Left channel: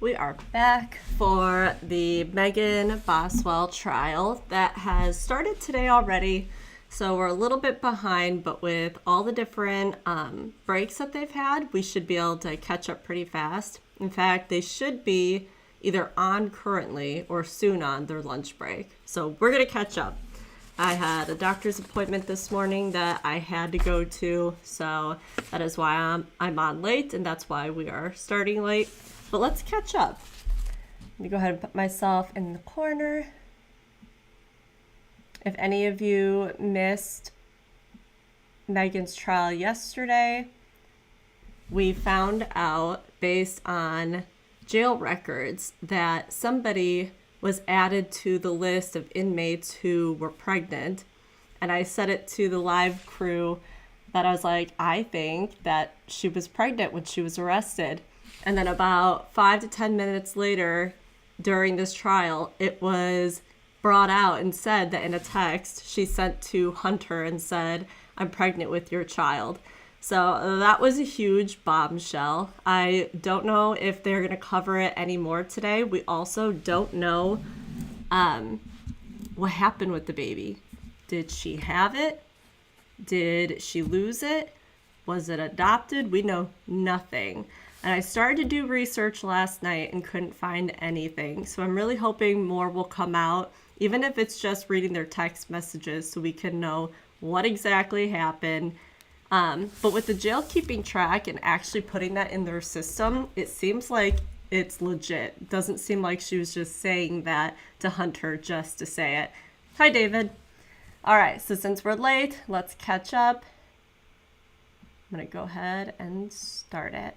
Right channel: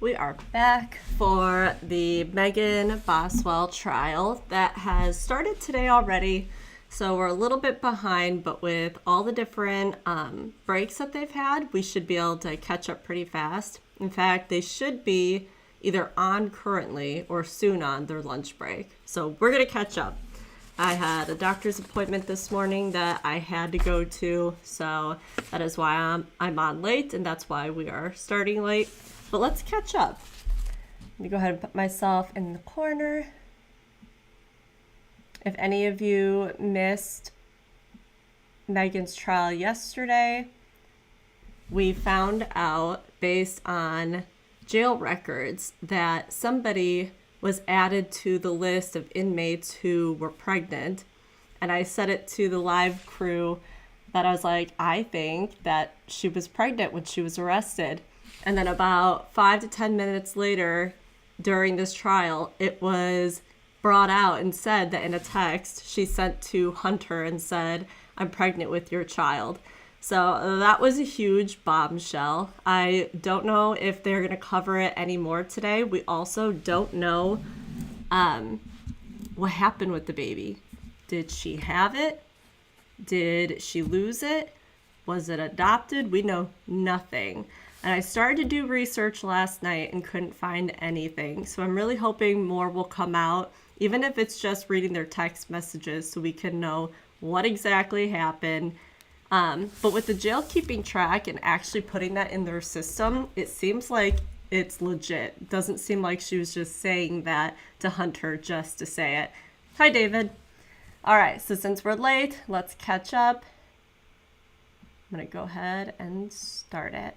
We are back for the Megan Boswell trial that has started today already. So we're a little bit behind, but with all the different breaks that they've had, we should be able to catch up pretty fast. In fact, they should be either on currently or soon on their lunch break. So we're going to catch up. I had a doctor's appointment this morning that I had to go to, so that is why I'm on late, and that's why we are starting late. But let's catch up. Let me go ahead and put myself in the corner. If any of you missed Megan's trial yesterday, we found out based on jail records that somebody was added to the list of inmates who were pregnant. And I said it to the live crew that I was like, I think that she was pregnant when she was arrested. And then about 5 to 10 minutes later, during this trial, it was brought out and said that in a text she sent to Hunter and said, I'm pregnant with your child. So that was a huge bombshell. I don't know if they're going to cover it anymore today. We also don't know what happened with the baby. Did she have it? Did she lose it? Was it adopted? We know nothing. And I started to do research last night and couldn't find anything. So I'm really hoping more will come out, even if it's just reading their text messages so we can know what exactly happened. But with the jail keeping track and actually putting that in their system, it seems like it's legit. It doesn't seem like she was just saying that to Hunter just to say it. Hi, David. All right, so since we're late, let's catch up. I'm going to go ahead and start it.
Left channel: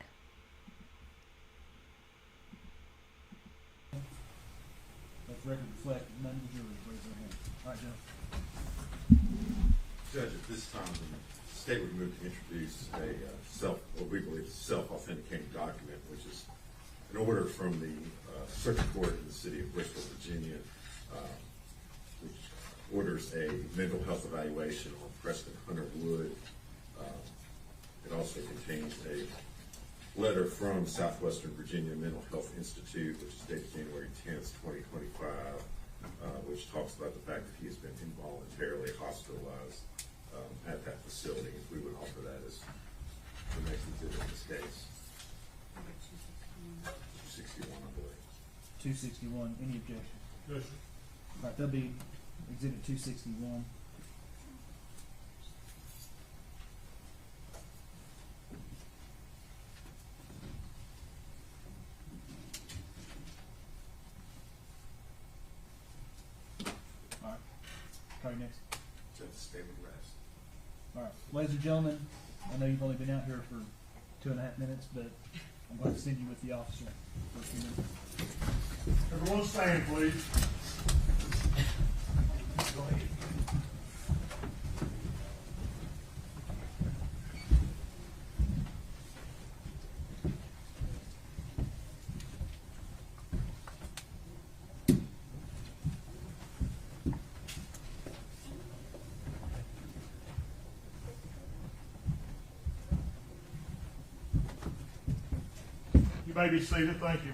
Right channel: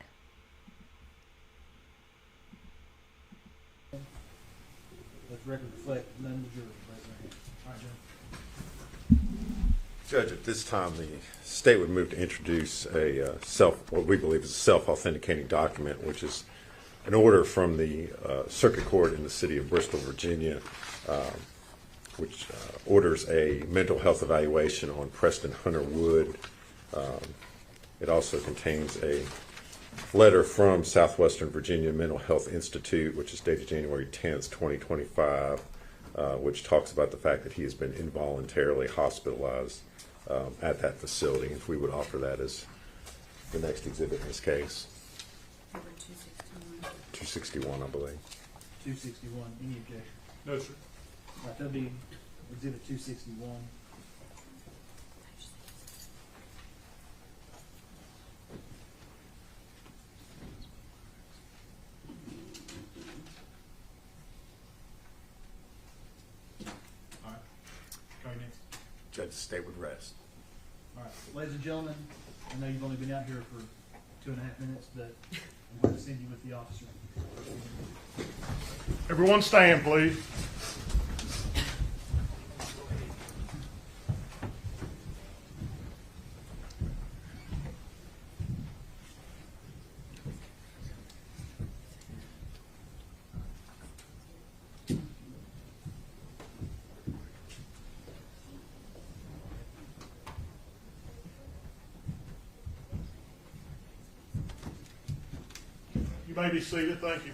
Record reflect none of the jury raising their hand. All right, Joe. Judge, at this time, the state would move to introduce what we believe is a self-authenticating document, which is an order from the Circuit Court in the city of Bristol, Virginia, which orders a mental health evaluation on Preston Hunter Wood. It also contains a letter from Southwestern Virginia Mental Health Institute, which is dated January 10th, 2025, which talks about the fact that he has been involuntarily hospitalized at that facility. If we would offer that as the next exhibit in this case. Number 261. 261, I believe. 261. Any objection? No, sir. All right, that'll be exhibit 261. All right. Carry next. Judge, the state would rest. All right, ladies and gentlemen, I know you've only been out here for 2.5 minutes, but I'm going to send you with the officer for a few minutes. Everyone stand, please. You may be seated. Thank you.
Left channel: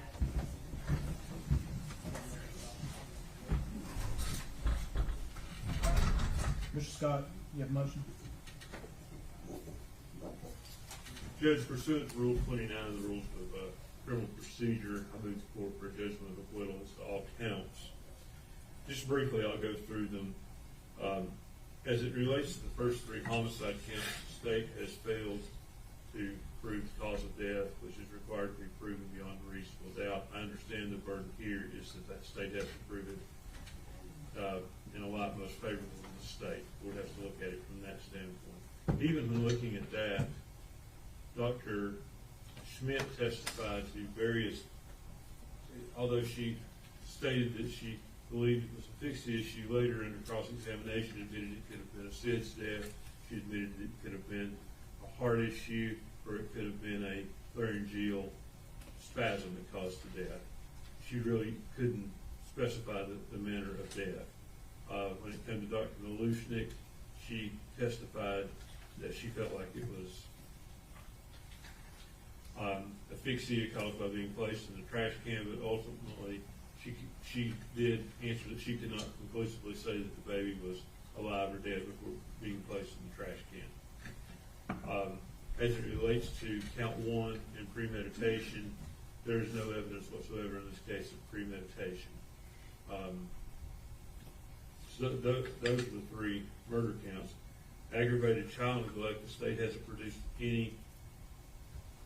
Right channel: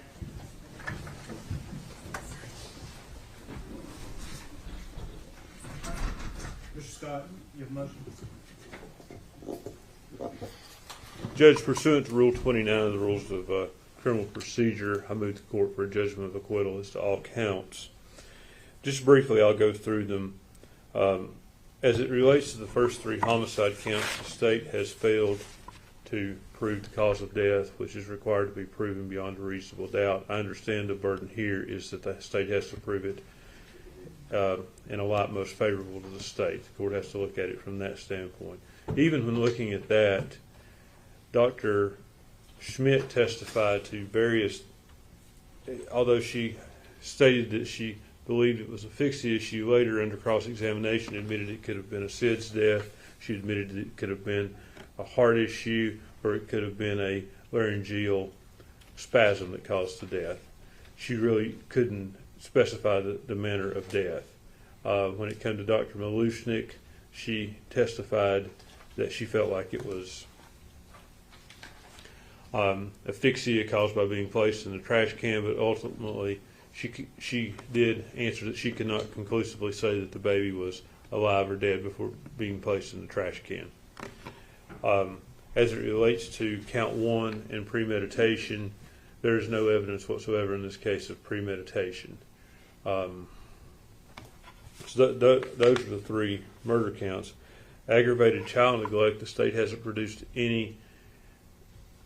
Mr. Scott, you have a motion? Judge, pursuant to Rule 29 of the Rules of Criminal Procedure, I move the court for a judgment of acquittal as to all counts. Just briefly, I'll go through them. As it relates to the first 3 homicide counts, the state has failed to prove the cause of death, which is required to be proven beyond a reasonable doubt. I understand the burden here is that the state has to prove it in a light most favorable to the state. The court has to look at it from that standpoint. Even when looking at that, Dr. Schmidt testified to various, although she stated that she believed it was asphyxia, she later under cross-examination admitted it could have been a SIDS death. She admitted that it could have been a heart issue, or it could have been a laryngeal spasm that caused the death. She really couldn't specify the manner of death. When it came to Dr. Malushnik, she testified that she felt like it was asphyxia caused by being placed in the trash can, but ultimately she did answer that she could not conclusively say that the baby was alive or dead before being placed in the trash can. As it relates to count 1 and premeditation, there is no evidence whatsoever in this case of premeditation. So those are the 3 murder counts. Aggravated child neglect, the state hasn't produced any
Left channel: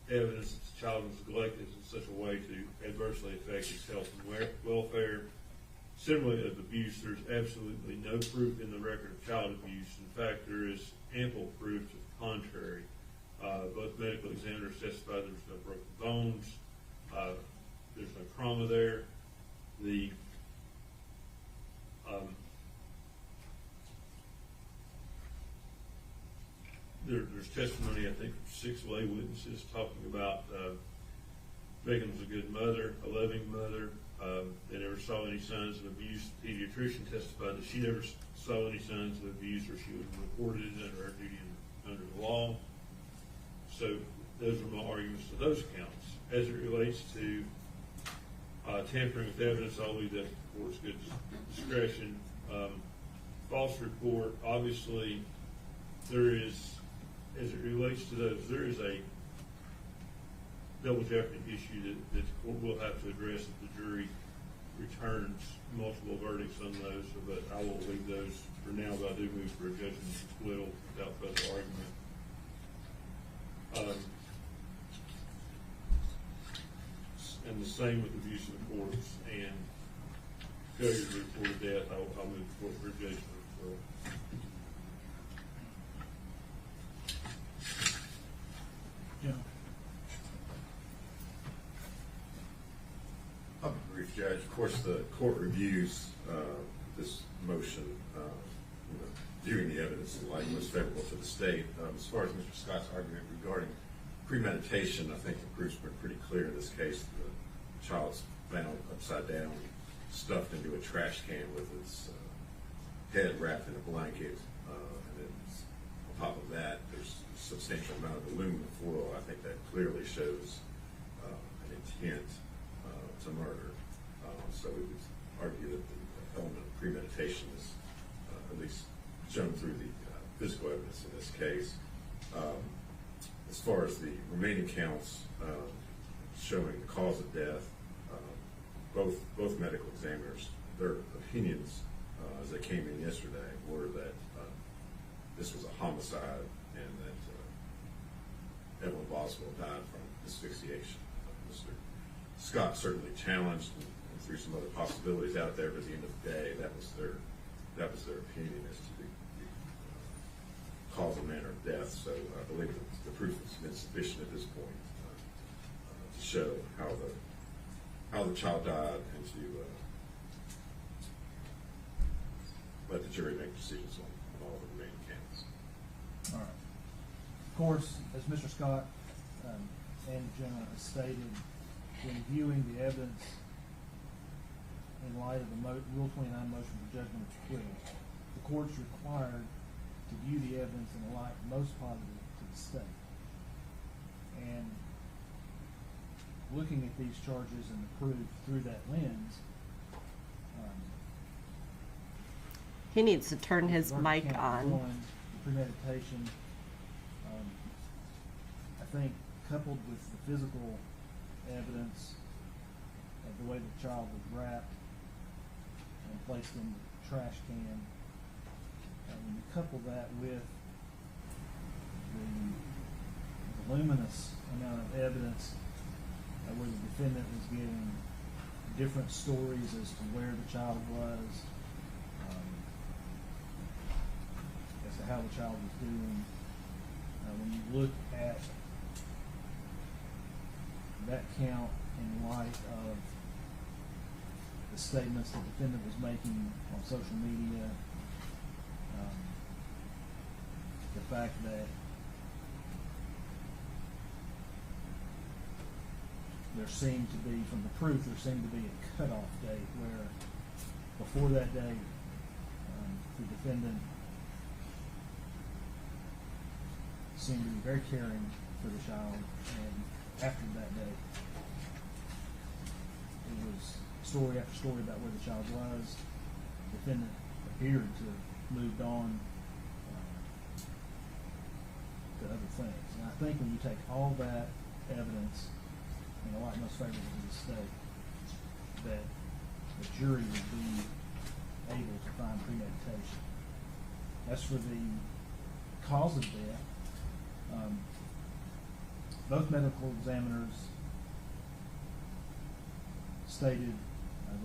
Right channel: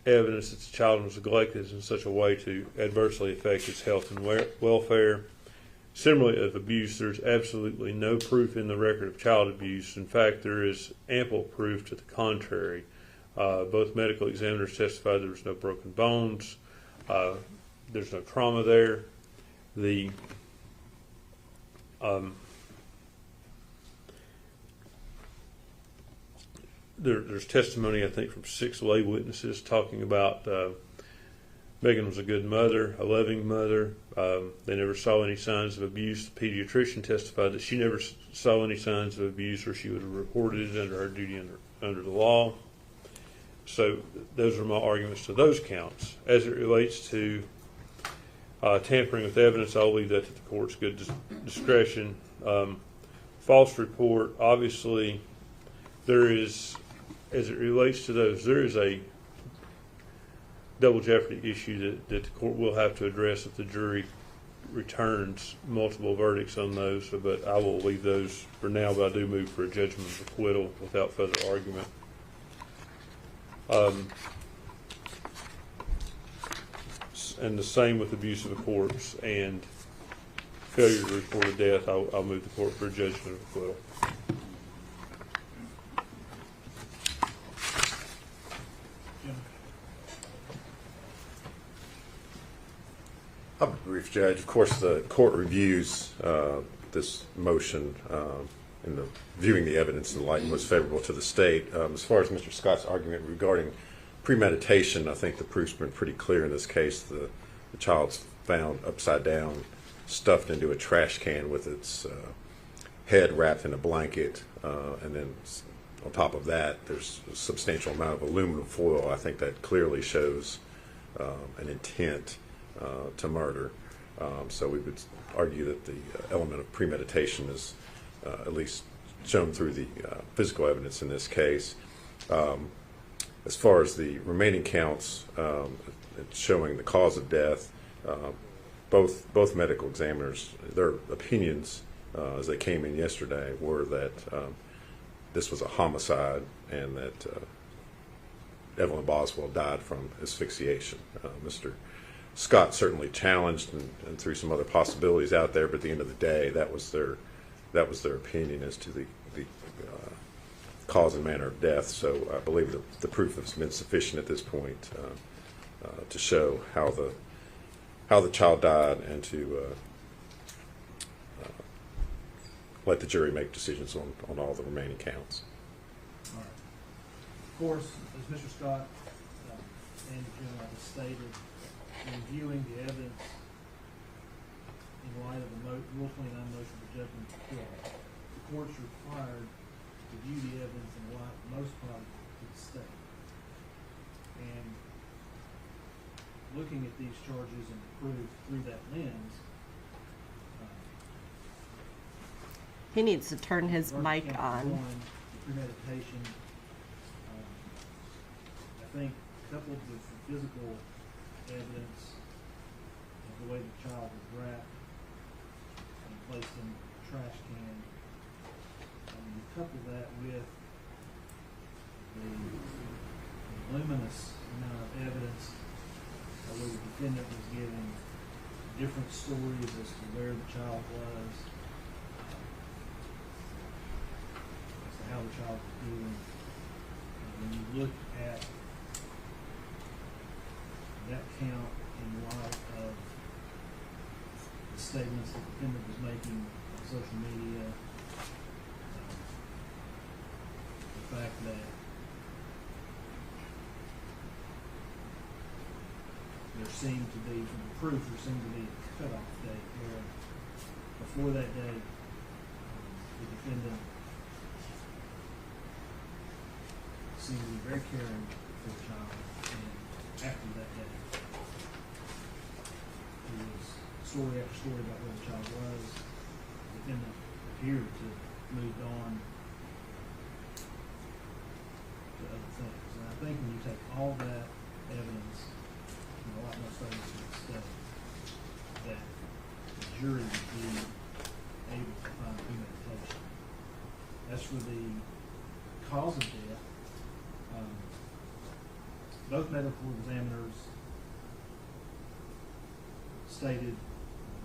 evidence that the child was neglected in such a way to adversely affect his health and welfare. Similarly, of abuse, there's absolutely no proof in the record of child abuse. In fact, there is ample proof to the contrary. Both medical examiners testified there was no broken bones. There's no trauma there. There's testimony, I think, from 6 lay witnesses talking about Megan was a good mother, a loving mother. They never saw any signs of abuse. The pediatrician testified that she never saw any signs of abuse, or she would have reported it under her duty under the law. So those are my arguments to those counts. As it relates to tampering with evidence, I'll leave that to the court's good discretion. False report, obviously, there is, as it relates to those, there is a double jeopardy issue that the court will have to address if the jury returns multiple verdicts on those, but I will leave those for now, but I do move for a judgment of acquittal without further argument. And the same with abuse of a corpse and failure to report a death. I'll move the court for a judgment of acquittal. Jim? I'm a brief judge. Of course, the court reviews this motion in the viewing the evidence in the light most favorable to the state. As far as Mr. Scott's argument regarding premeditation, I think the proof's been pretty clear in this case. The child's found upside down, stuffed into a trash can with its head wrapped in a blanket, and then on top of that, there's a substantial amount of aluminum foil. I think that clearly shows an intent to murder. So we would argue that the element of premeditation is at least shown through the physical evidence in this case. As far as the remaining counts, it's showing the cause of death. Both medical examiners, their opinions as they came in yesterday were that this was a homicide and that Evelyn Boswell died from asphyxiation. Mr. Scott certainly challenged and threw some other possibilities out there, but at the end of the day, that was their opinion as to the cause and manner of death. So I believe the proof has been sufficient at this point to show how the child died and to let the jury make decisions on all the remaining counts. All right. Of course, as Mr. Scott and the gentleman has stated, in viewing the evidence in light of the Rule 29 motion for judgment of acquittal, the court's required to view the evidence in the light most positive to the state. And looking at these charges and the proof through that lens, He needs to turn his Work mic count on. 1, premeditation, I think coupled with the physical evidence of the way the child was wrapped and placed in the trash can, you couple that with the voluminous amount of evidence where the defendant was giving different stories as to where the child was, as to how the child was doing. When you look at that count in light of the statements the defendant was making on social media, the fact that there seemed to be, from the proof, there seemed to be a cutoff date where before that date, the defendant seemed to be very caring for the child and after that day. It was story after story about where the child was. The defendant appeared to have moved on to other things. And I think when you take all that evidence, and a lot most favorable to the state, that the jury would be able to find premeditation. As for the cause of death, both medical examiners stated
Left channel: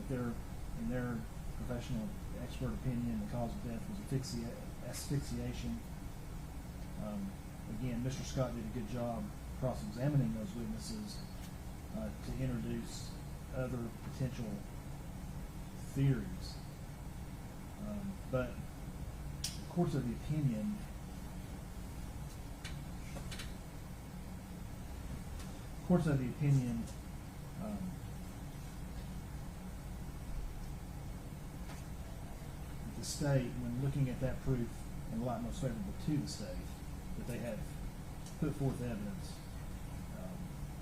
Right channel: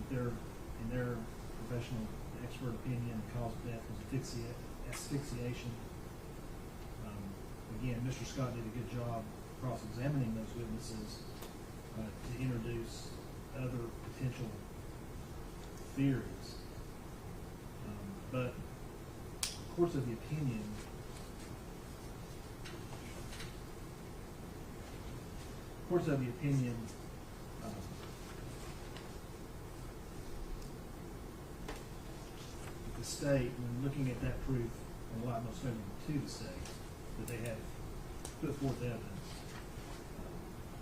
that in their professional expert opinion, the cause of death was asphyxiation. Again, Mr. Scott did a good job cross-examining those witnesses to introduce other potential theories. But courts of the opinion the state, when looking at that proof in light most favorable to the state, that they have put forth evidence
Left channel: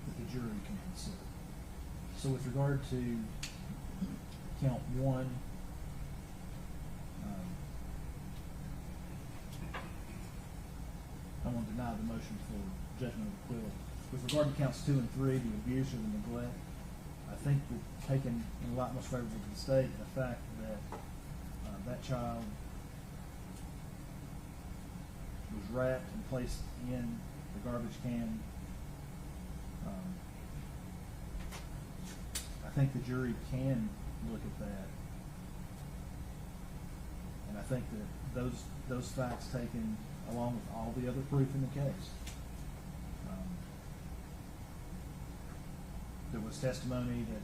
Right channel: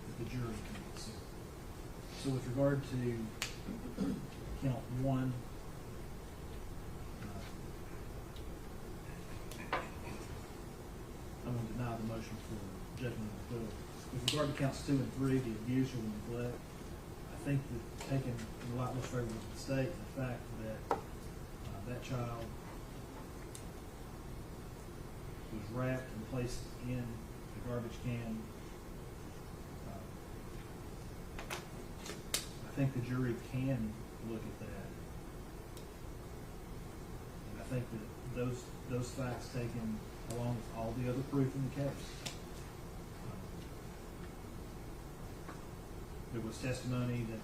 that the jury can consider. So with regard to count one, I'm going to deny the motion for judgment of acquittal. With regard to counts 2 and 3, the abuse or the neglect, I think that taken in light most favorable to the state, the fact that that child was wrapped and placed in the garbage can, I think the jury can look at that. And I think that those facts taken along with all the other proof in the case. There was testimony that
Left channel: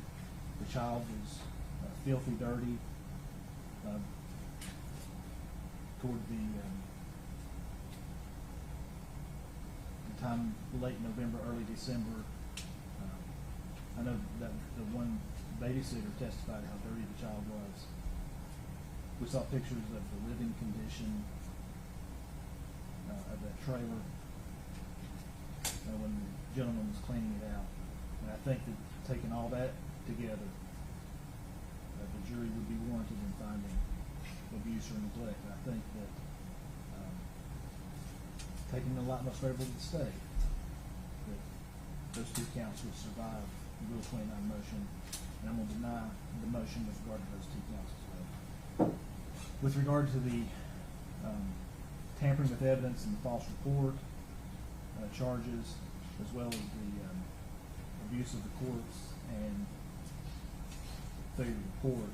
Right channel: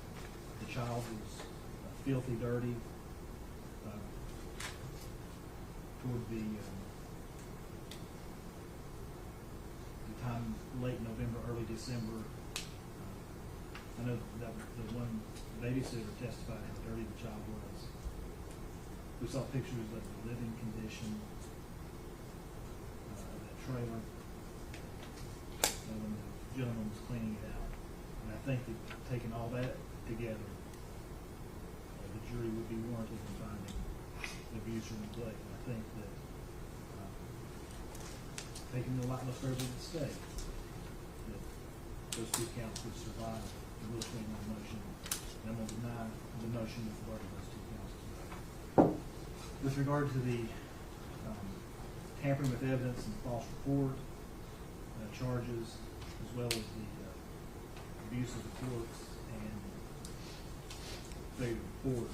the child was filthy, dirty, toward the time late November, early December. I know that the one babysitter testified how dirty the child was. We saw pictures of the living condition of that trailer when the gentleman was cleaning it out. And I think that taking all that together, the jury would be warranted in finding abuse or neglect. I think that taking the lot most favorable to the state, that those two counts would survive the Rule 29 motion. And I'm going to deny the motion with regard to those two counts as well. With regard to the tampering with evidence and false report charges, as well as the abuse of the courts and failure to report,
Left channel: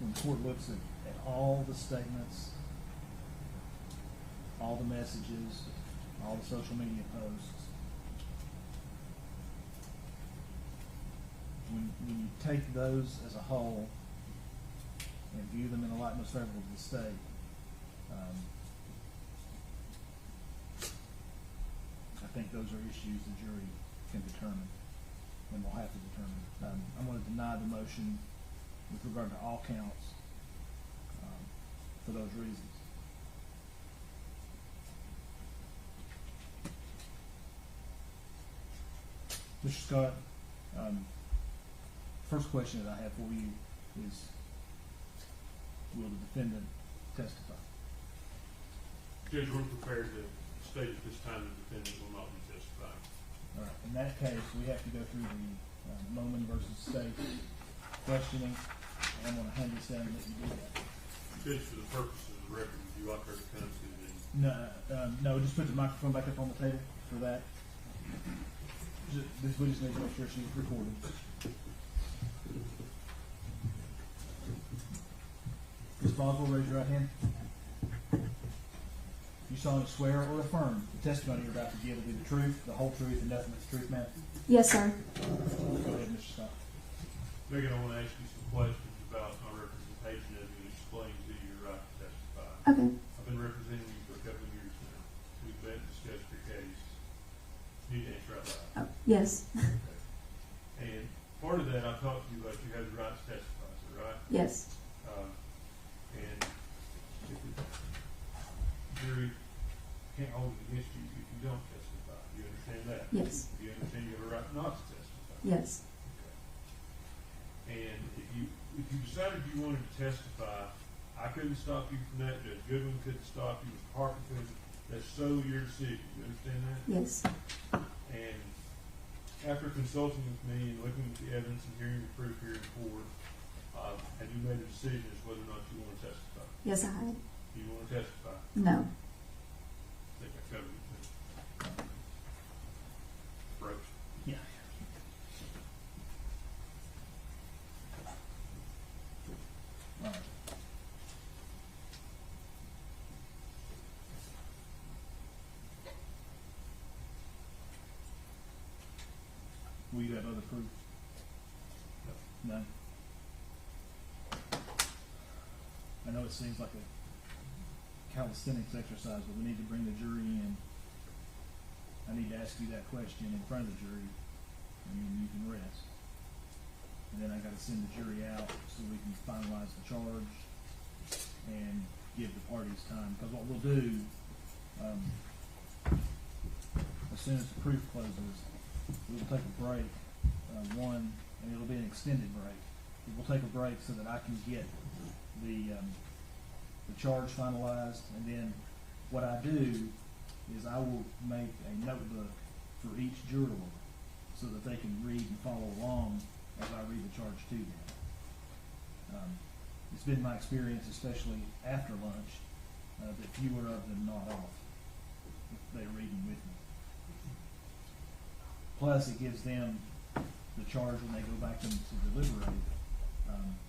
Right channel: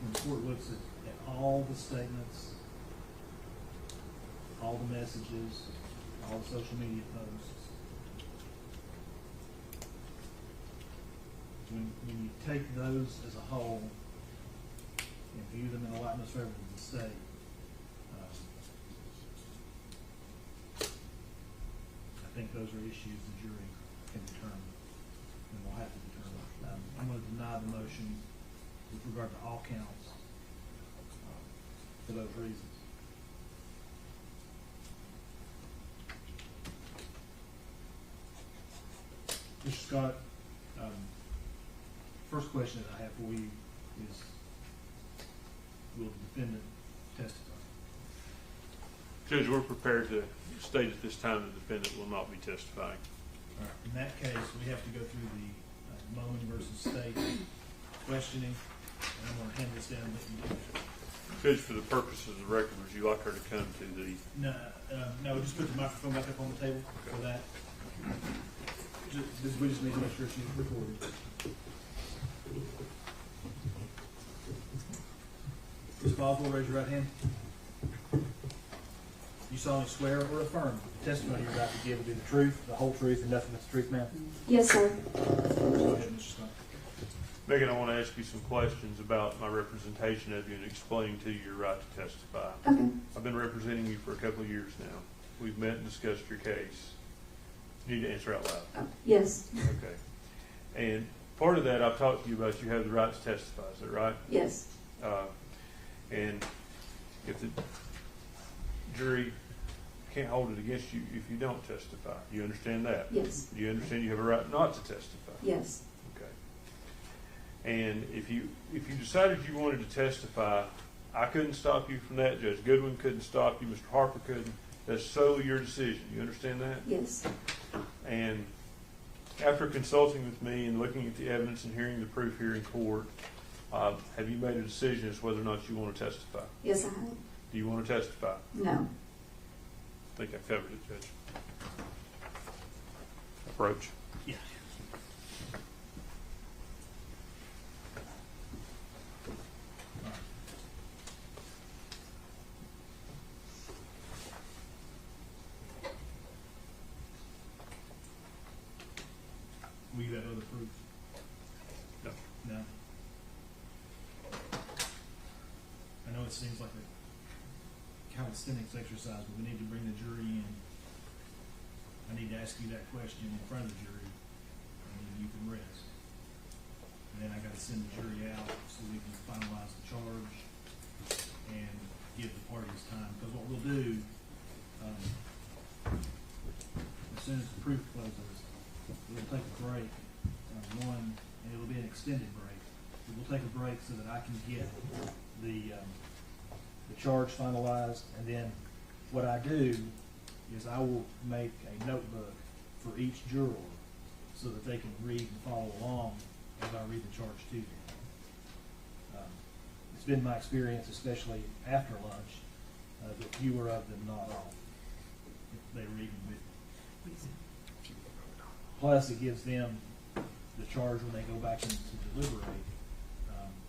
when the court looks at all the statements, all the messages, all the social media posts, when you take those as a whole and view them in a light most favorable to the state, I think those are issues the jury can determine and will have to determine. I'm going to deny the motion with regard to all counts for those reasons. Mr. Scott, first question that I have for you is, will the defendant testify? Judge, we're prepared to state at this time the defendant will not be testifying. All right. In that case, we have to go through the Moman versus State questioning, and I'm going to hand this down and let you do that. Judge, for the purposes of the record, would you like her to come to the... No, just put the microphone back up on the table for that. We just need to make sure she's recorded. Ms. Boswell, raise your right hand. You solemnly swear or affirm the testimony you're about to give will be the truth, the whole truth, and nothing but the truth, ma'am? Yes, sir. Go ahead, Mr. Scott. Megan, I want to ask you some questions about my representation of you and explain to you your right to testify. Okay. I've been representing you for a couple of years now. We've met and discussed your case. You need to answer out loud. Yes. Okay. And part of that, I've talked to you about you have the right to testify. Is that right? Yes. And if the jury can't hold it against you if you don't testify. Do you understand that? Yes, Do you understand you have a right not to testify? yes, Okay. And if you decided you wanted to testify, I couldn't stop you from that. Judge Goodwin couldn't stop you. Mr. Harper couldn't. That's solely your decision. You understand that? yes, And after consulting with me and looking at the evidence and hearing the proof here in court, have you made a decision as whether or not you want to testify? yes, I have. Do you want to testify? No. I think I covered it, Judge. Approach. Yeah. All right. Will you have other proof? No. No? I know it seems like a calisthenics exercise, but we need to bring the jury in. I need to ask you that question in front of the jury, and then you can rest. And then I gotta send the jury out so we can finalize the charge and give the parties time, because what we'll do, as soon as the proof closes, we'll take a break, and it'll be an extended break. We'll take a break so that I can get the charge finalized, and then what I do is I will make a notebook for each juror so that they can read and follow along as I read the charge to them. It's been my experience, especially after lunch, that fewer of them, not all, if they're reading with me. Plus, it gives them the charge when they go back in to deliberate.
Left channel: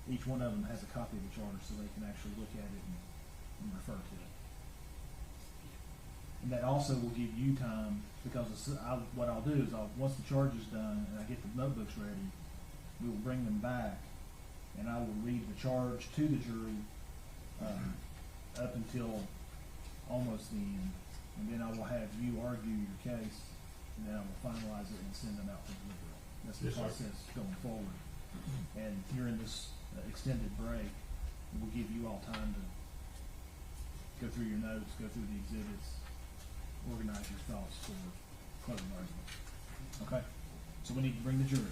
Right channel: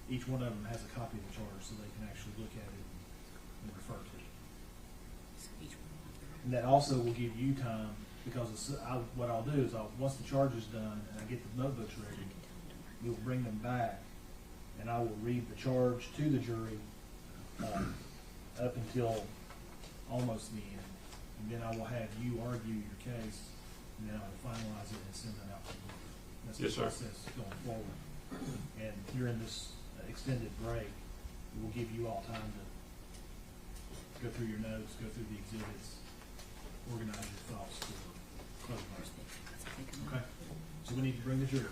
Each one of them has a copy of the charge so they can actually look at it and refer to it. And that also will give you time, because what I'll do is once the charge is done and I get the notebooks ready, we will bring them back and I will read the charge to the jury up until almost the end. And then I will have you argue your case, and then I will finalize it and send them out to the jury. That's the Yes, sir. process going forward. And during this extended break, it will give you all time to go through your notes, go through the exhibits, organize your thoughts for closing argument. Okay? So we need to bring the jury.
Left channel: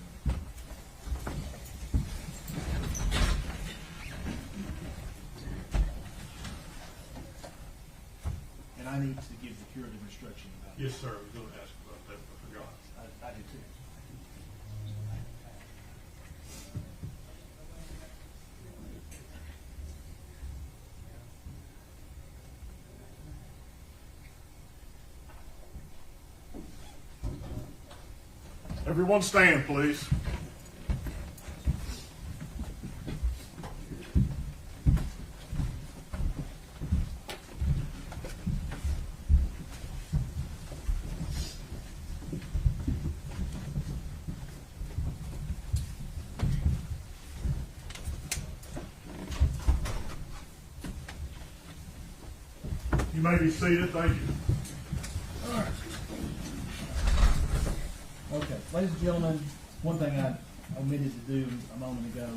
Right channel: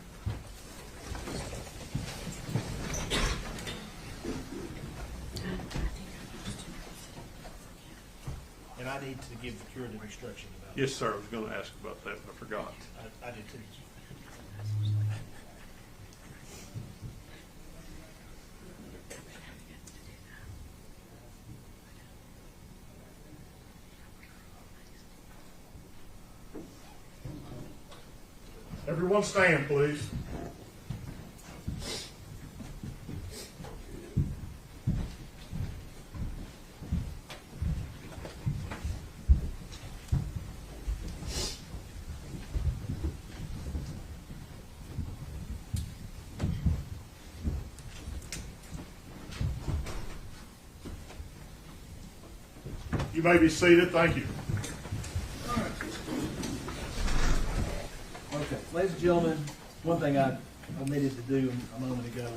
And I need to give the jury the instruction about. Yes, sir. I was going to ask about that, but I forgot. I did too. Everyone stand, please. You may be seated. Thank you. Okay, ladies and gentlemen, one thing I omitted to do a moment ago.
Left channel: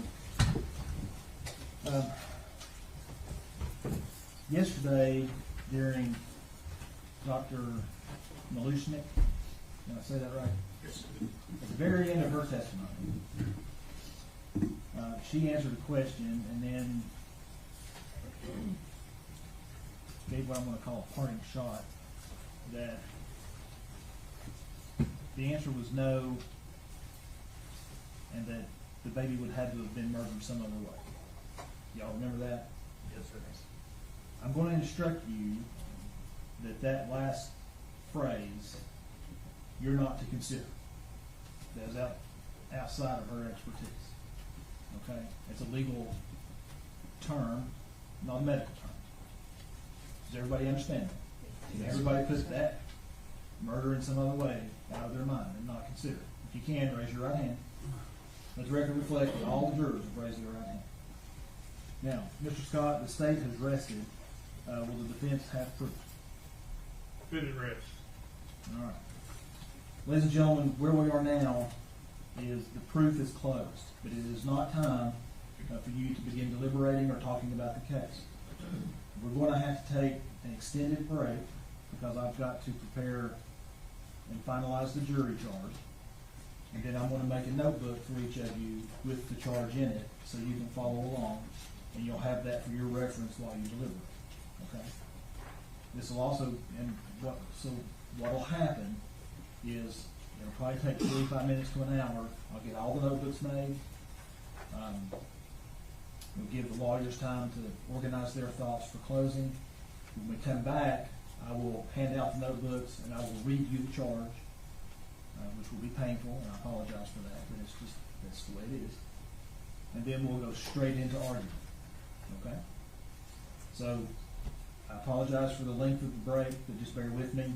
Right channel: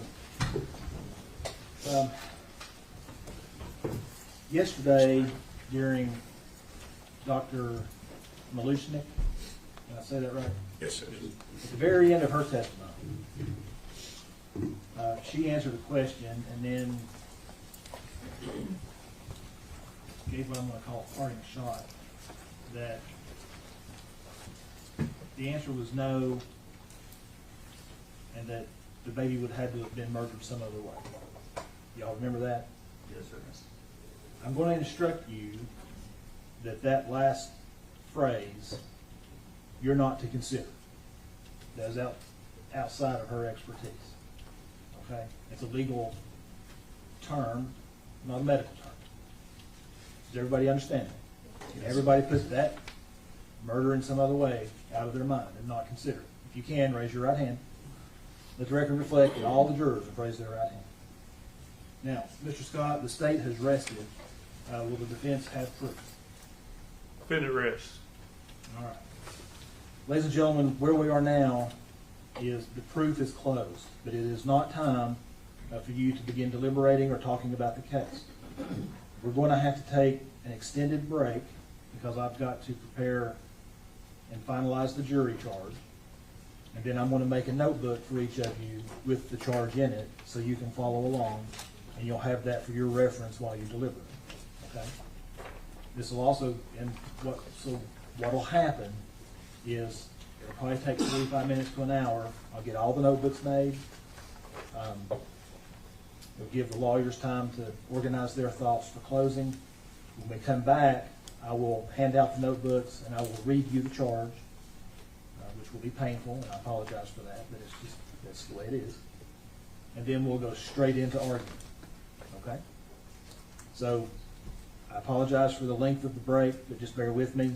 Yesterday, during Dr. Malushnik, did I say that right? Yes, sir. At the very end of her testimony, she answered a question and then gave what I'm going to call a parting shot, that the answer was no, and that the baby would have to have been murdered some other way. Y'all remember that? Yes, sir. I'm going to instruct you that last phrase, you're not to consider. That is outside of her expertise. Okay? It's a legal term, not a medical term. Does everybody understand that? Everybody puts that murder in some other way out of their mind and not consider it. If you can, raise your right hand. Let the record reflect that all the jurors have raised their right hand. Now, Mr. Scott, the state has rested. Will the defense have proof? Defendant rests. All right. Ladies and gentlemen, where we are now is the proof is closed, but it is not time for you to begin deliberating or talking about the case. We're going to have to take an extended break because I've got to prepare and finalize the jury charge. And then I'm gonna make a notebook for each of you with the charge in it, so you can follow along, and you'll have that for your reference while you deliver it, okay? This will also, what'll happen is, it'll probably take 45 minutes to an hour. I'll get all the notebooks made. We'll give the lawyers time to organize their thoughts for closing. When we come back, I will hand out the notebooks and I will read you the charge, which will be painful, and I apologize for that, but that's the way it is. And then we'll go straight into argument, okay? So, I apologize for the length of the break, but just bear with me.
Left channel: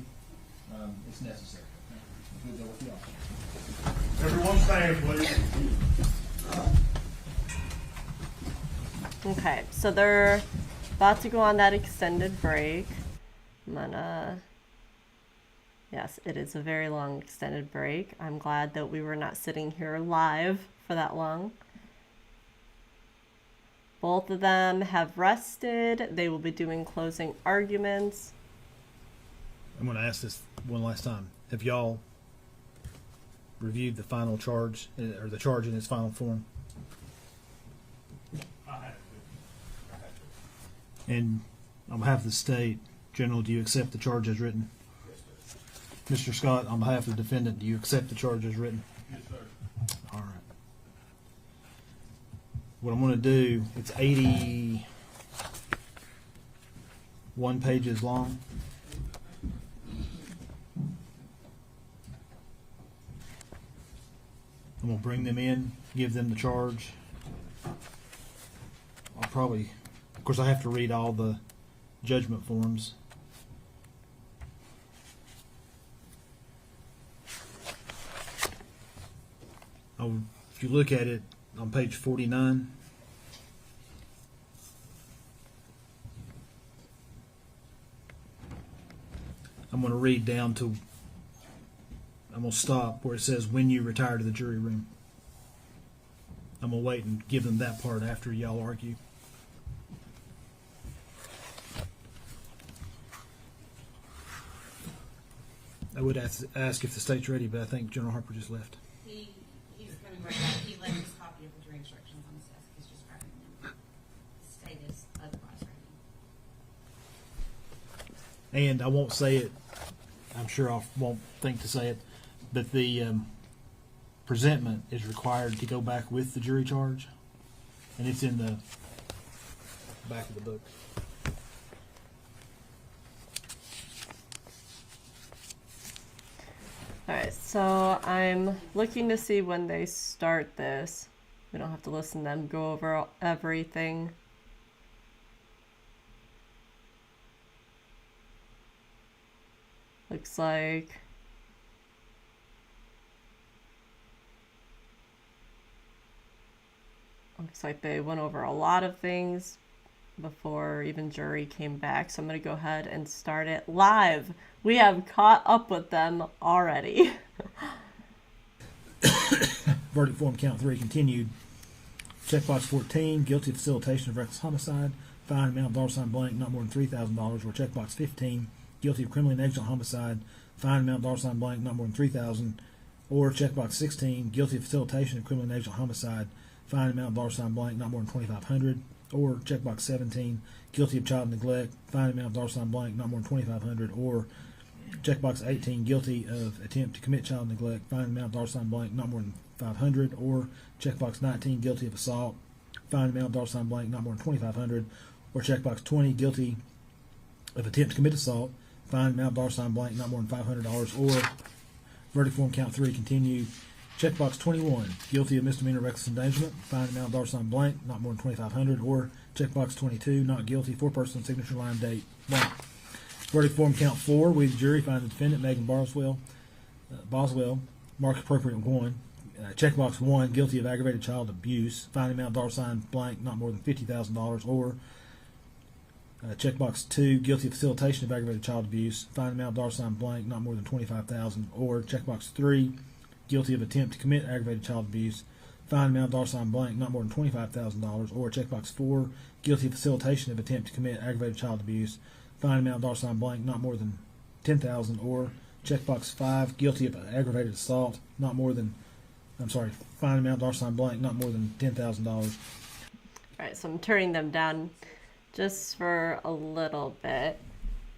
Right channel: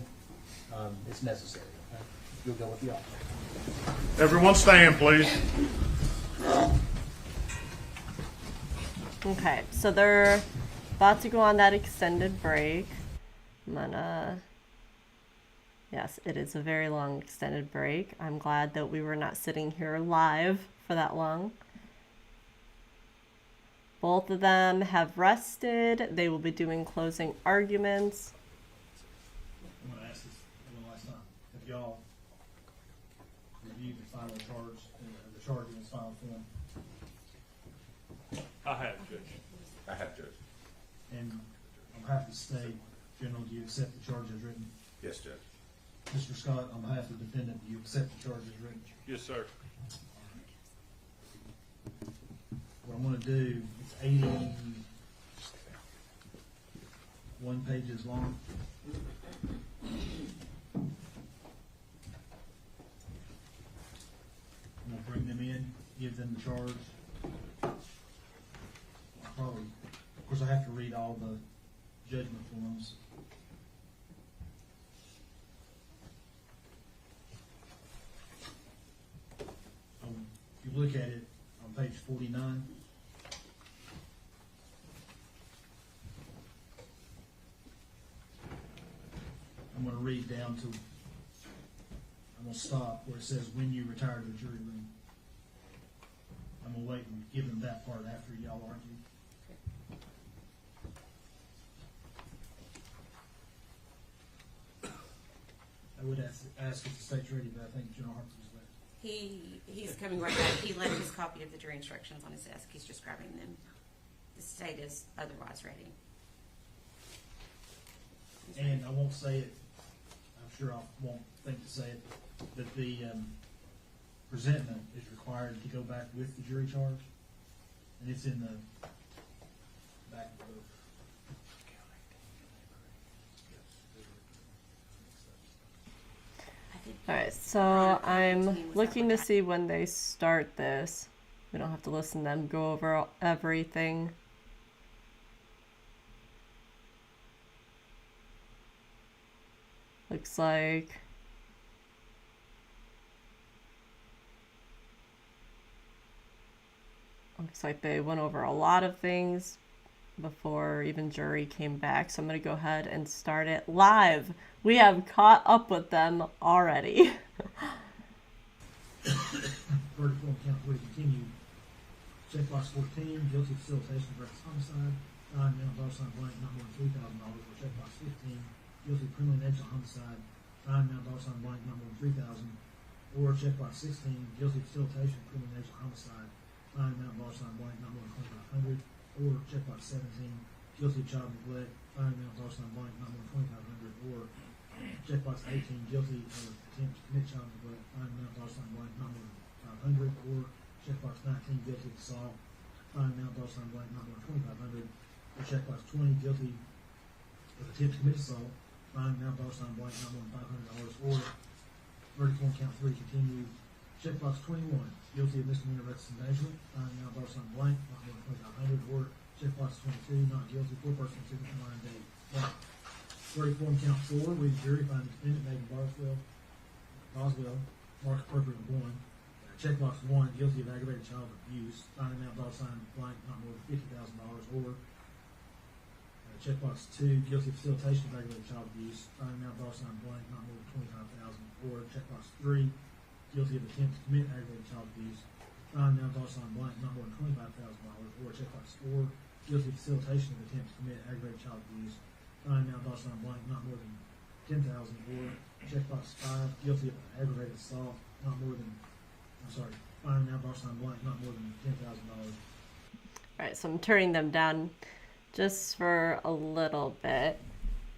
It's necessary, okay? If you'll go with the officer. Everyone stand, please. Okay, so they're about to go on that extended break. Yes, it is a very long extended break. I'm glad that we were not sitting here live for that long. Both of them have rested. They will be doing closing arguments. I'm going to ask this one last time. Have y'all reviewed the final charge, or the charge in its final form? I have, Judge. I have to. And on behalf of the state, General, do you accept the charge as written? Yes, Judge. Mr. Scott, on behalf of the defendant, do you accept the charge as written? Yes, sir. All right. What I'm going to do, it's 81 pages long. I'm going to bring them in, give them the charge. I'll probably, of course, I have to read all the judgment forms. If you look at it on page 49, I'm going to read down to, I'm going to stop where it says when you retire to the jury room. I'm going to wait and give them that part after y'all argue. I would ask if the state's ready, but I think General Harper just left. He's coming right back. He left his copy of the jury instructions on his desk. He's just grabbing them. The state is otherwise ready. And I won't say it, I'm sure I won't think to say it, but the presentment is required to go back with the jury charge, and it's in the back of the book. Alright, so I'm looking to see when they start this. We don't have to listen to them go over everything. Looks like they went over a lot of things before even jury came back. So I'm going to go ahead and start it live. We have caught up with them already. Verdict form count 3 continued. Checkbox 14, guilty of facilitation of reckless homicide. Fine amount $ blank, not more than $3,000. Or checkbox 15, guilty of criminally negligent homicide. Fine amount $ blank, not more than $3,000. Or checkbox 16, guilty of facilitation of criminally negligent homicide. Fine amount $ blank, not more than $2,500. Or checkbox 17, guilty of child neglect. Fine amount $ blank, not more than $2,500. Or checkbox 18, guilty of attempt to commit child neglect. Fine amount $ blank, not more than $500. Or checkbox 19, guilty of assault. Fine amount $ blank, not more than $2,500. Or checkbox 20, guilty of attempt to commit assault. Fine amount $ blank, not more than $500. Or verdict form count 3 continued. Checkbox 21, guilty of misdemeanor reckless endangerment. Fine amount $ blank, not more than $2,500. Or checkbox 22, not guilty, 4-person signature line date blank. Verdict form count 4, we the jury find the defendant Megan Boswell, mark appropriate 1. Checkbox 1, guilty of aggravated child abuse. Fine amount $ blank, not more than $50,000. Or checkbox 2, guilty of facilitation of aggravated child abuse. Fine amount $ blank, not more than $25,000. Or checkbox 3, guilty of attempt to commit aggravated child abuse. Fine amount $ blank, not more than $25,000. Or checkbox 4, guilty of facilitation of attempt to commit aggravated child abuse. Fine amount $ blank, not more than 10,000, or checkbox 5, guilty of aggravated assault, fine amount $ blank, not more than $10,000. All right, so I'm turning them down just for a little bit,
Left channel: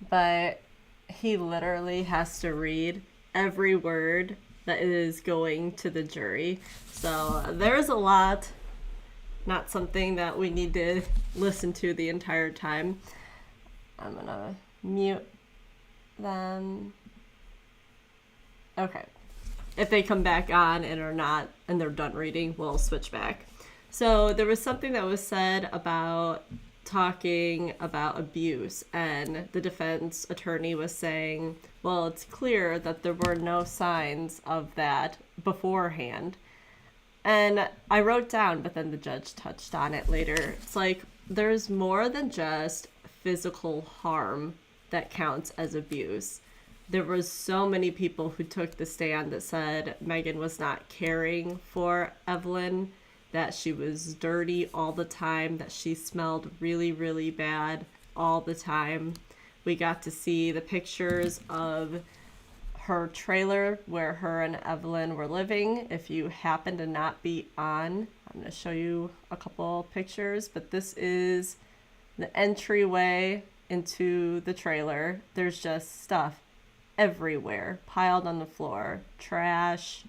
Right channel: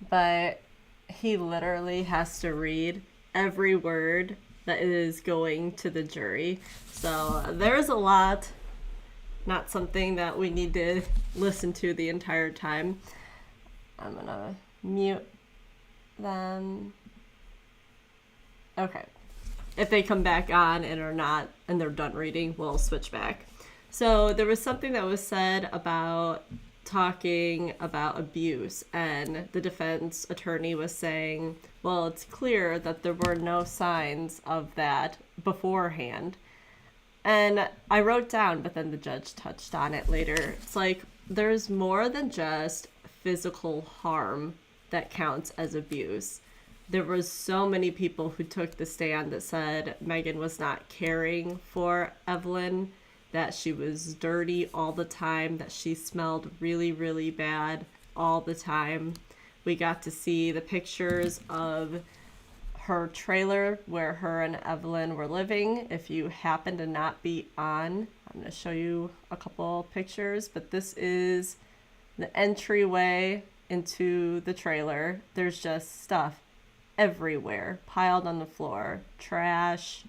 but he literally has to read every word that is going to the jury. So there's a lot, not something that we need to listen to the entire time. I'm gonna mute them. Okay. If they come back on and are not, and they're done reading, we'll switch back. So there was something that was said about talking about abuse, and the defense attorney was saying, well, it's clear that there were no signs of that beforehand. And I wrote down, but then the judge touched on it later. It's like, there's more than just physical harm that counts as abuse. There was so many people who took the stand that said Megan was not caring for Evelyn, that she was dirty all the time, that she smelled really, really bad all the time. We got to see the pictures of her trailer where her and Evelyn were living. If you happen to not be on, I'm going to show you a couple pictures, but this is the entryway into the trailer. There's just stuff everywhere, piled on the floor, trash,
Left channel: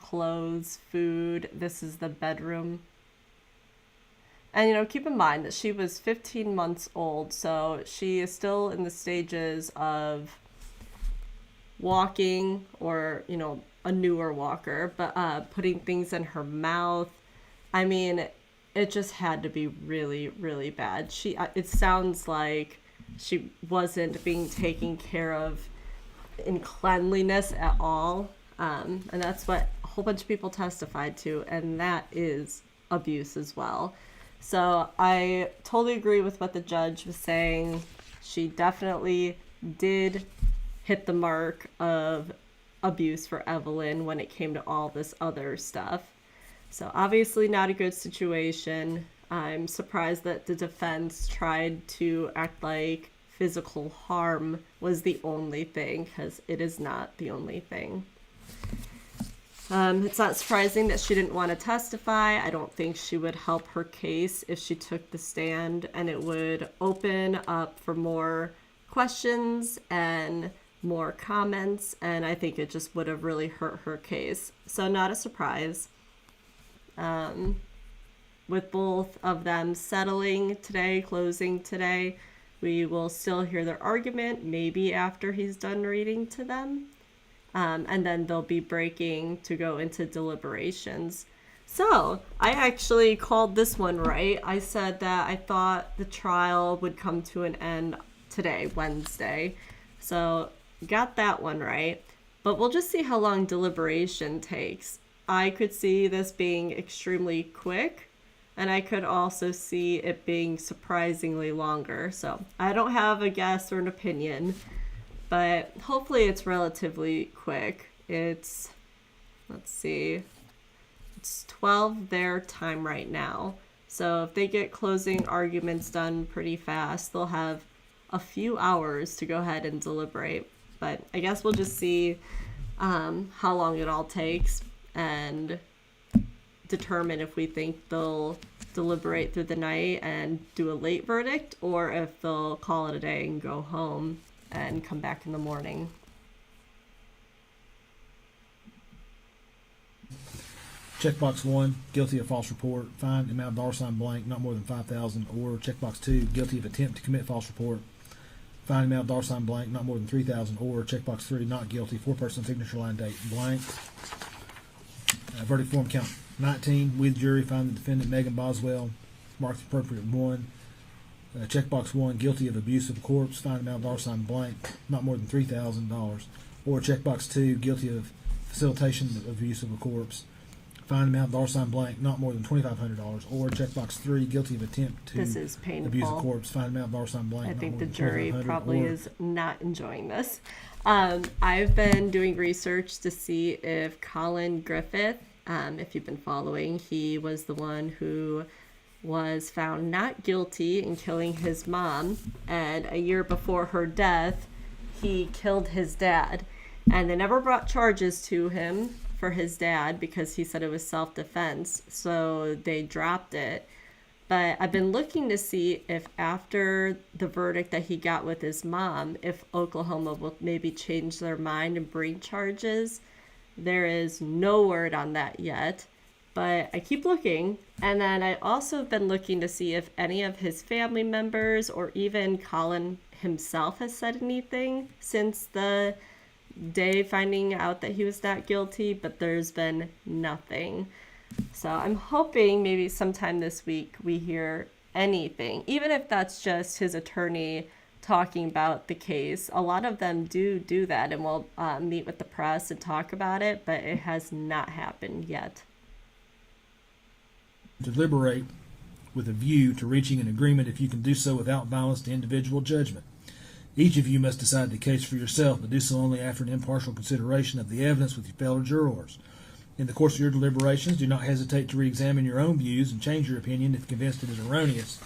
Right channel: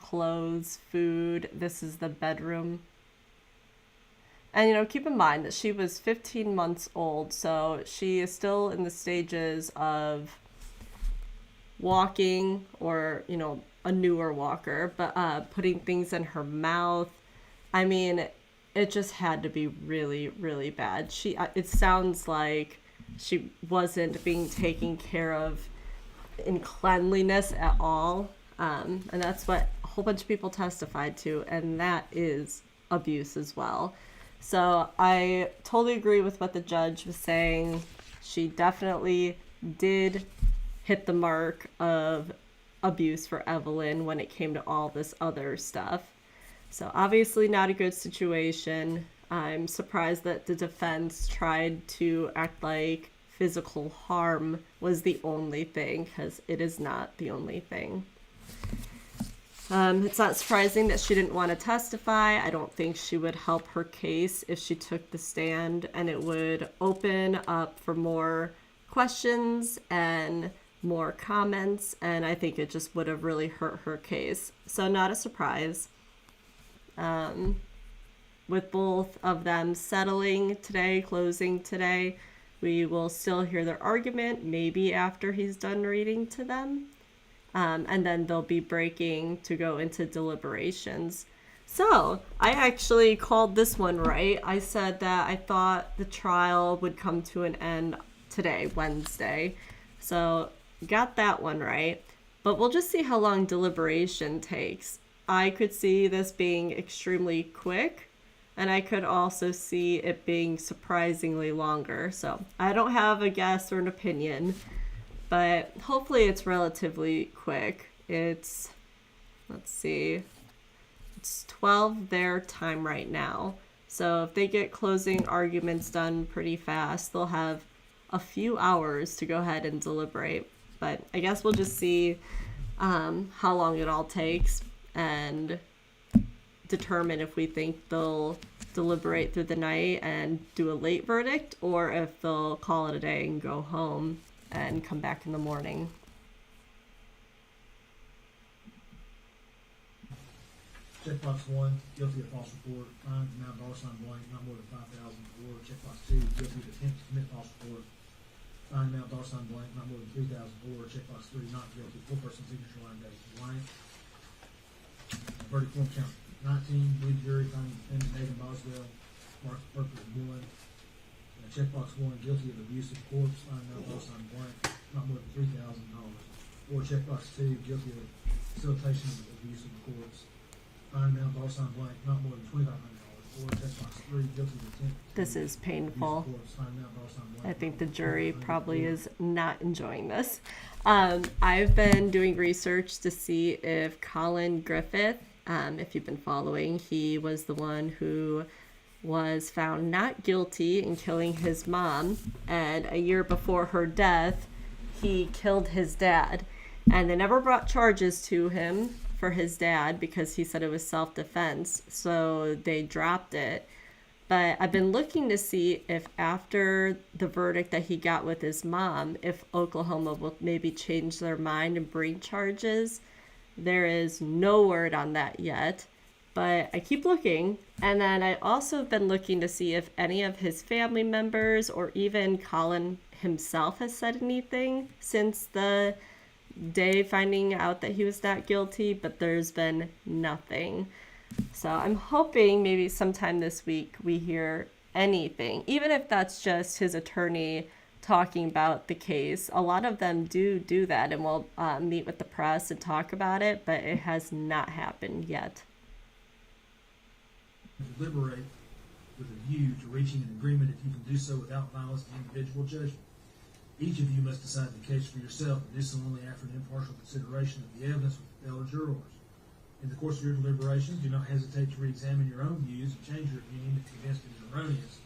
clothes, food. This is the bedroom. And, you know, keep in mind that she was 15 months old, so she is still in the stages of walking, or, you know, a newer walker, but putting things in her mouth. I mean, it just had to be really, really bad. It sounds like she wasn't being taken care of in cleanliness at all. And that's what a whole bunch of people testified to, and that is abuse as well. So I totally agree with what the judge was saying. She definitely did hit the mark of abuse for Evelyn when it came to all this other stuff. So obviously not a good situation. I'm surprised that the defense tried to act like physical harm was the only thing, because it is not the only thing. It's not surprising that she didn't want to testify. I don't think she would help her case if she took the stand, and it would open up for more questions and more comments, and I think it just would have really hurt her case. So not a surprise. With both of them settling today, closing today, we will still hear their argument, maybe after he's done reading to them. And then they'll be breaking to go into deliberations. So I actually called this one right. I said that I thought the trial would come to an end today, Wednesday. So got that one right. But we'll just see how long deliberation takes. I could see this being extremely quick, and I could also see it being surprisingly longer. So I don't have a guess or an opinion, but hopefully it's relatively quick. Let's see, it's 12 their time right now. So if they get closing arguments done pretty fast, they'll have a few hours to go ahead and deliberate. But I guess we'll just see how long it all takes and determine if we think they'll deliberate through the night and do a late verdict, or if they'll call it a day and go home and come back in the morning. Checkbox 1, guilty of false report, fine amount $ blank, not more than 5,000, or checkbox 2, guilty of attempt to commit false report, fine amount $ blank, not more than 3,000, or checkbox 3, not guilty, 4-person signature line date blank. Verdict form count 19, with jury, find the defendant Megan Boswell, marked appropriate 1. Checkbox 1, guilty of abuse of a corpse, fine amount $ blank, not more than $3,000. Or checkbox 2, guilty of facilitation of abuse of a corpse, fine amount $ blank, not more than $2,500. Or checkbox 3, guilty of attempt to This is abuse a painful. corpse, fine amount $ blank. I not think more the than jury $2,500. probably Or is not enjoying this. I've been doing research to see if Colin Griffith, if you've been following, he was the one who was found not guilty in killing his mom, and a year before her death, he killed his dad. And they never brought charges to him for his dad because he said it was self-defense, so they dropped it. But I've been looking to see if after the verdict that he got with his mom, if Oklahoma will maybe change their mind and bring charges. There is no word on that yet, but I keep looking. And then I also have been looking to see if any of his family members or even Colin himself has said anything since the day finding out that he was not guilty, but there's been nothing. So I'm hoping maybe sometime this week we hear anything, even if that's just his attorney talking about the case. A lot of them do that and will meet with the press and talk about it, but it has not happened yet. Deliberate with a view to reaching an agreement if you can do so without violence to individual judgment. Each of you must decide the case for yourself, but do so only after an impartial consideration of the evidence with your fellow jurors. In the course of your deliberations, do not hesitate to re-examine your own views and change your opinion if convinced it is erroneous.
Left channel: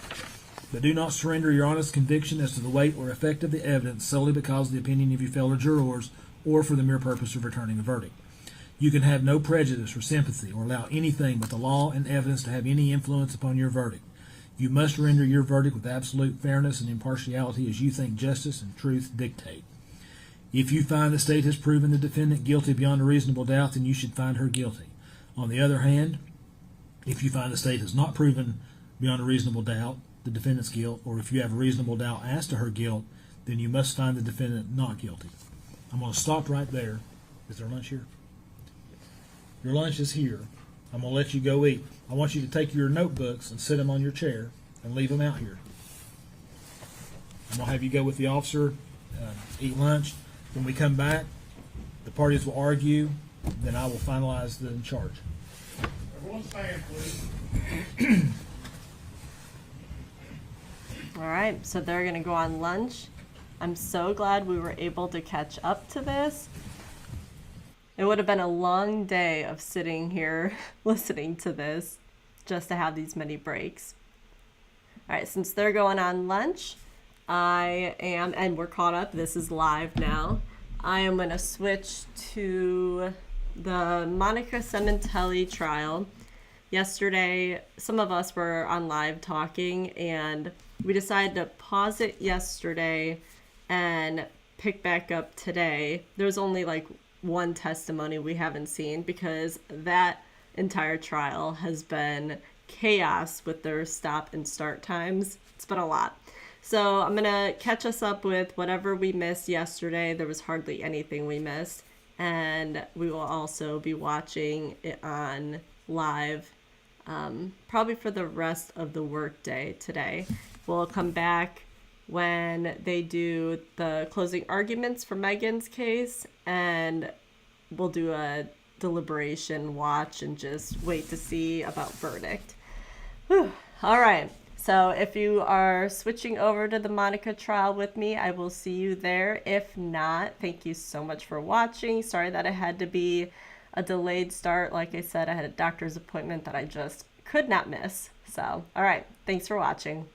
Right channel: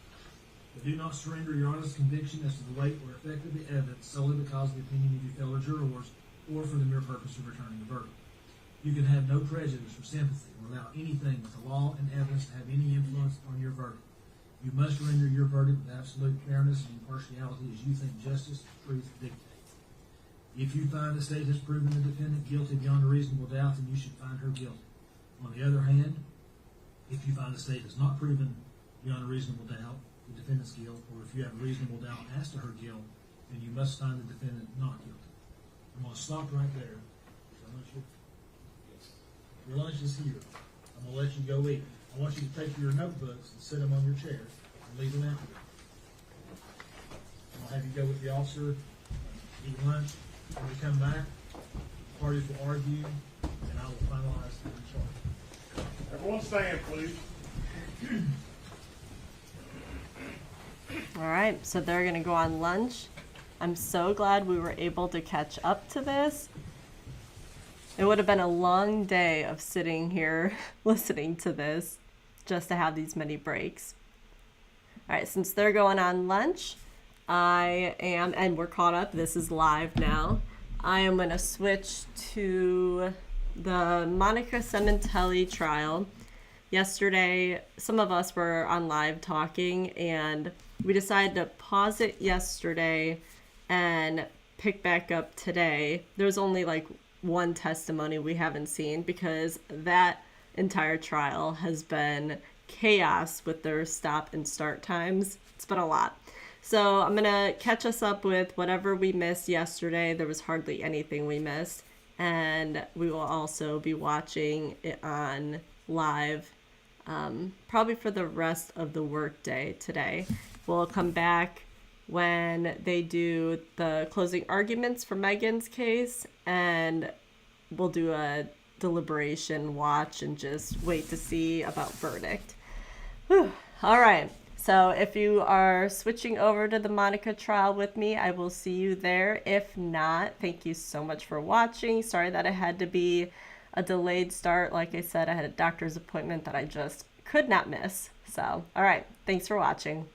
But do not surrender your honest conviction as to the weight or effect of the evidence solely because of the opinion of your fellow jurors or for the mere purpose of returning a verdict. You can have no prejudice or sympathy or allow anything but the law and evidence to have any influence upon your verdict. You must render your verdict with absolute fairness and impartiality as you think justice and truth dictate. If you find the state has proven the defendant guilty beyond a reasonable doubt, then you should find her guilty. On the other hand, if you find the state has not proven beyond a reasonable doubt the defendant's guilt, or if you have a reasonable doubt as to her guilt, then you must find the defendant not guilty. I'm going to stop right there. Is there lunch here? Your lunch is here. I'm going to let you go eat. I want you to take your notebooks and sit them on your chair and leave them out here. I'm going to have you go with the officer, eat lunch. When we come back, the parties will argue, then I will finalize the charge. Everyone stand, please. All right, so they're going to go on lunch. I'm so glad we were able to catch up to this. It would have been a long day of sitting here listening to this just to have these many breaks. All right, since they're going on lunch, I am, and we're caught up, this is live now. I am going to switch to the Monica Cementelli trial. Yesterday, some of us were on live talking, and we decided to pause it yesterday and pick back up today. There's only like one testimony we haven't seen because that entire trial has been chaos with their stop and start times. It's been a lot. So I'm going to catch us up with whatever we missed yesterday. There was hardly anything we missed. And we will also be watching it on live probably for the rest of the workday today. We'll come back when they do the closing arguments for Megan's case, and we'll do a deliberation watch and just wait to see about verdict. Whew. All right. So if you are switching over to the Monica trial with me, I will see you there. If not, thank you so much for watching. Sorry that it had to be a delayed start. Like I said, I had a doctor's appointment that I just could not miss. So, all right. Thanks for watching.